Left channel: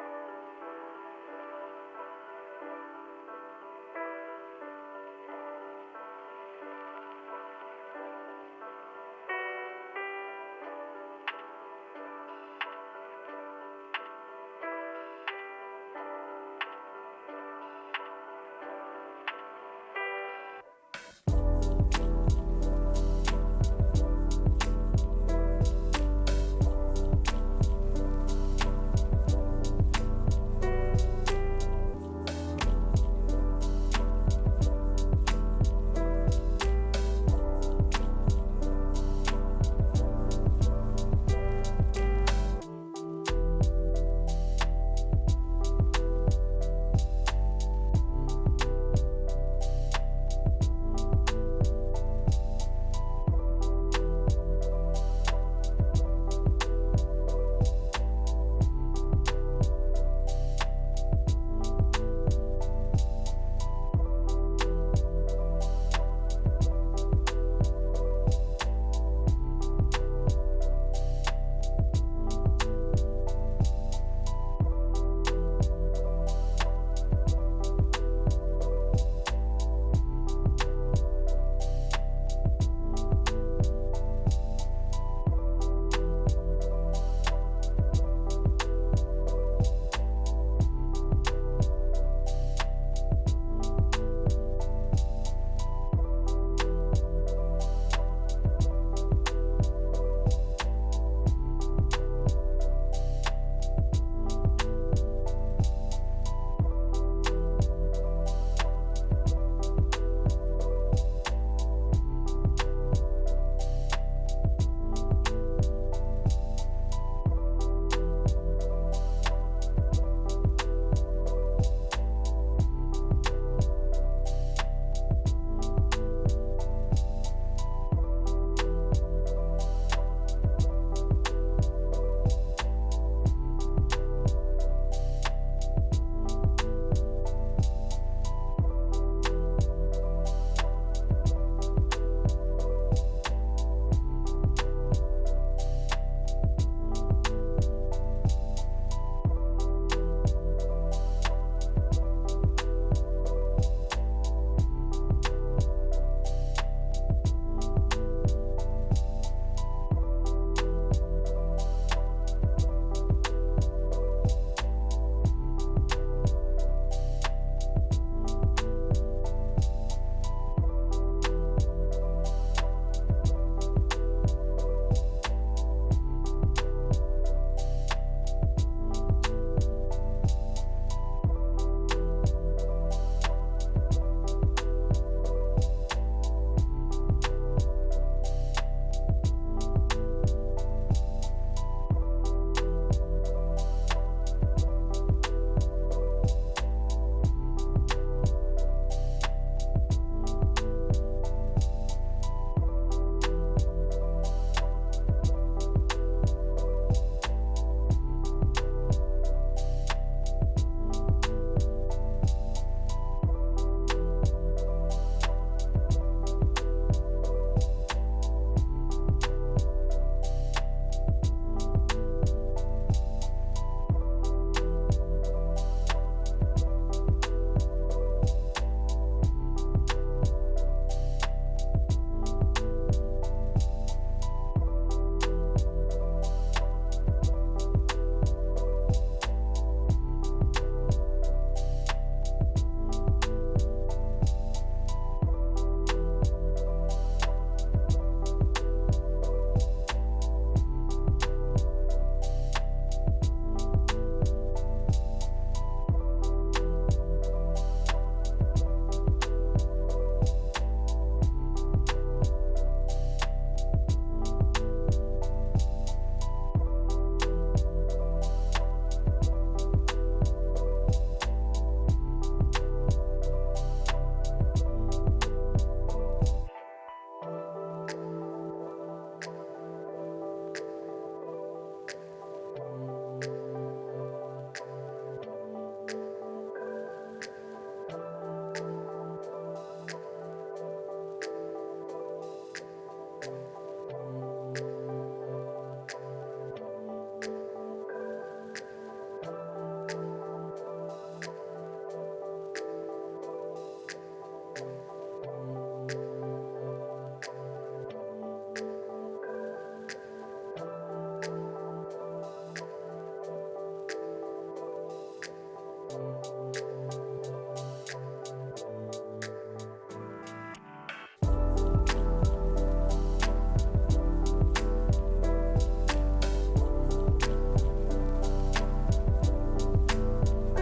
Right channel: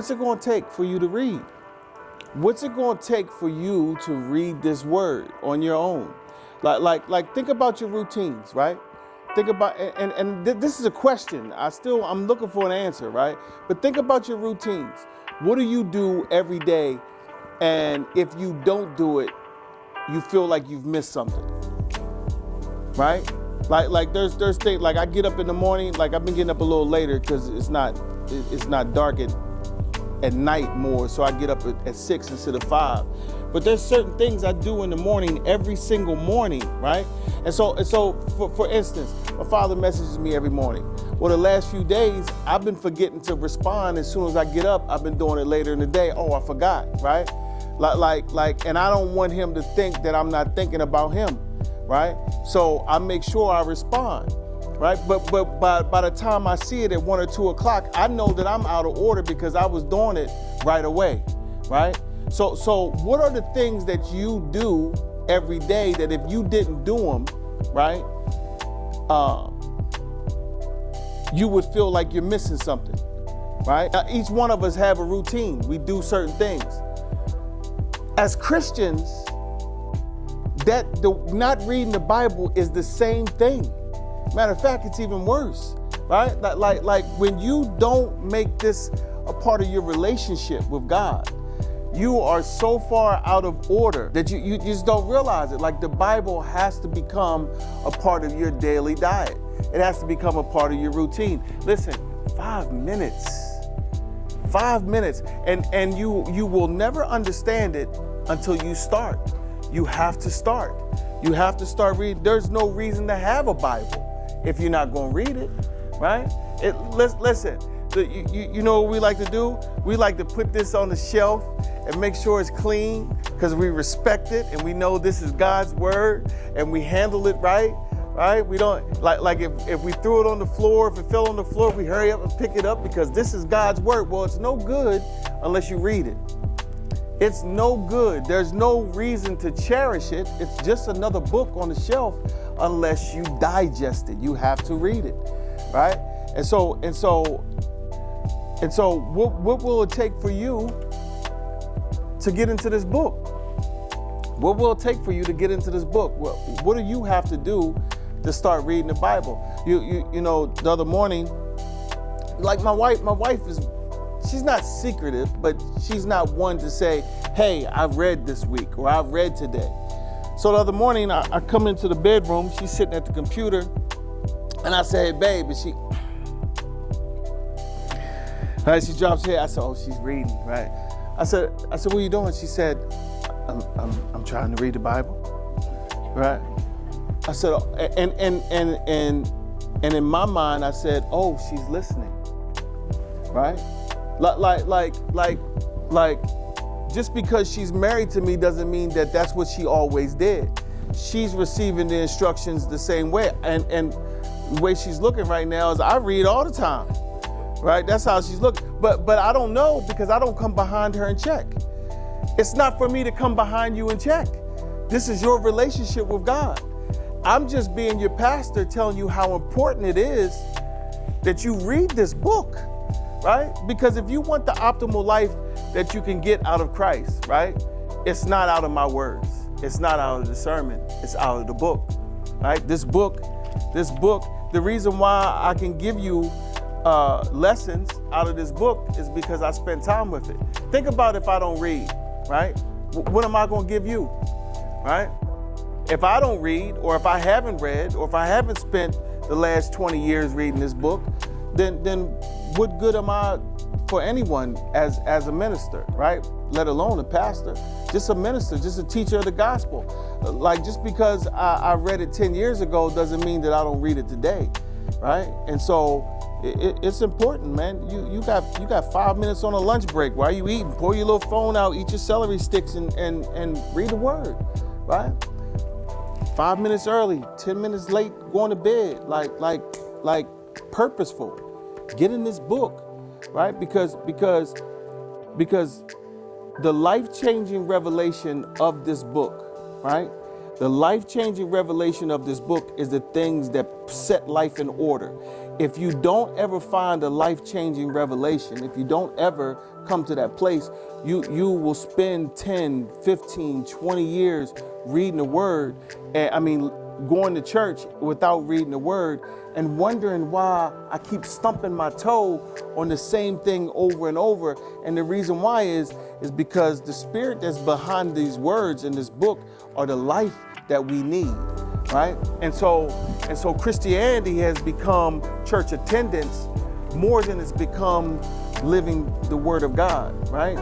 What's it going to take for you to read? What's it going to take for you to read this word on your own? Like think about your routines, right? Think about, this is a question. I'm looking for an answer, right? But think about your routines. What do you do every day? And if you don't do it, you feel like you've missed something, right? Like there's things, like I get up in the morning, like I've been getting up a little later because it's not dark at night more, so I get up at 6 instead of 5. But there's certain things I do in the morning every single morning, right? And so for instance, my father messages me every morning. Well, the last few days, I've been forgetting to respond as soon as I get up. I've been doing it later in the day. Oh, I forgot, right? And I don't want him to think that I'm not thinking about him, right? So I make sure I respond, right? But by the time I see it at 1 or 2 o'clock, I know that I'm out of order because I was doing it right away, right? So what are the things that you do every day that if you didn't do them, right, you would feel like you're missing something, right? Now, each one of us have a routine. We do certain things. As Christians, not reading the Bible is the same thing. Matter of fact, it's even worse, right? Like when you don't make this a part of your relationship with God, you are so far out of order that you just don't realize it. Like the Bible has to become a part of your daily diet. It has to become a part of your routine. Listen, 5 minutes. 5 minutes. And you will never understand it until you start. You have to start. You have to start reading. There's no reason to have a Bible if you're not going to read it, right? Listen, you know what we like to do? We like to put this on the shelf and make sure it's clean because we respect it and we know this is God's word and we handle it right? We don't, like if we threw it on the floor, if it fell on the floor, we hurry up and pick it up because this is God's word. Well, it's no good unless you read it. It's no good. There's no reason to cherish it. It's just another book on the shelf unless you digest it. You have to read it, right? And so what will it take for you to get into this book? What will it take for you to get into this book? What do you have to do to start reading the Bible? You know, the other morning, like my wife is, she's not secretive, but she's not one to say, hey, I've read this week or I've read today. So the other morning, I come into the bedroom, she's sitting at the computer, and I say, hey, babe, and she drops her head. I said, oh, she's reading, right? I said, what are you doing? She said, I'm trying to read the Bible, right? I said, and in my mind, I said, oh, she's listening, right? Like, just because she's married to me doesn't mean that that's what she always did. She's receiving the instructions the same way, and the way she's looking right now is I read all the time, right? That's how she's looking. But I don't know because I don't come behind her and check. It's not for me to come behind you and check. This is your relationship with God. I'm just being your pastor telling you how important it is that you read this book, right? Because if you want the optimal life that you can get out of Christ, right? It's not out of my words. It's not out of the sermon. It's out of the book, right? This book, the reason why I can give you lessons out of this book is because I spend time with it. Think about if I don't read, right? What am I going to give you, right? If I don't read, or if I haven't read, or if I haven't spent the last 20 years reading this book, then what good am I for anyone as a minister, right? Let alone a pastor, just a minister, just a teacher of the gospel. Like, just because I read it 10 years ago doesn't mean that I don't read it today, right? And so it's important, man. You got 5 minutes on a lunch break. While you eating, pull your little phone out, eat your celery sticks, and read the word, right? 5 minutes early, 10 minutes late, going to bed, like purposeful. Get in this book, right? Because the life-changing revelation of this book, right? The life-changing revelation of this book is the things that set life in order. If you don't ever find a life-changing revelation, if you don't ever come to that place, you will spend 10, 15, 20 years reading the word, and going to church without reading the word, and wondering why I keep stumping my toe on the same thing over and over. And the reason why is because the spirit that's behind these words in this book are the life that we need, right? And so Christianity has become church attendance more than it's become living the word of God, right?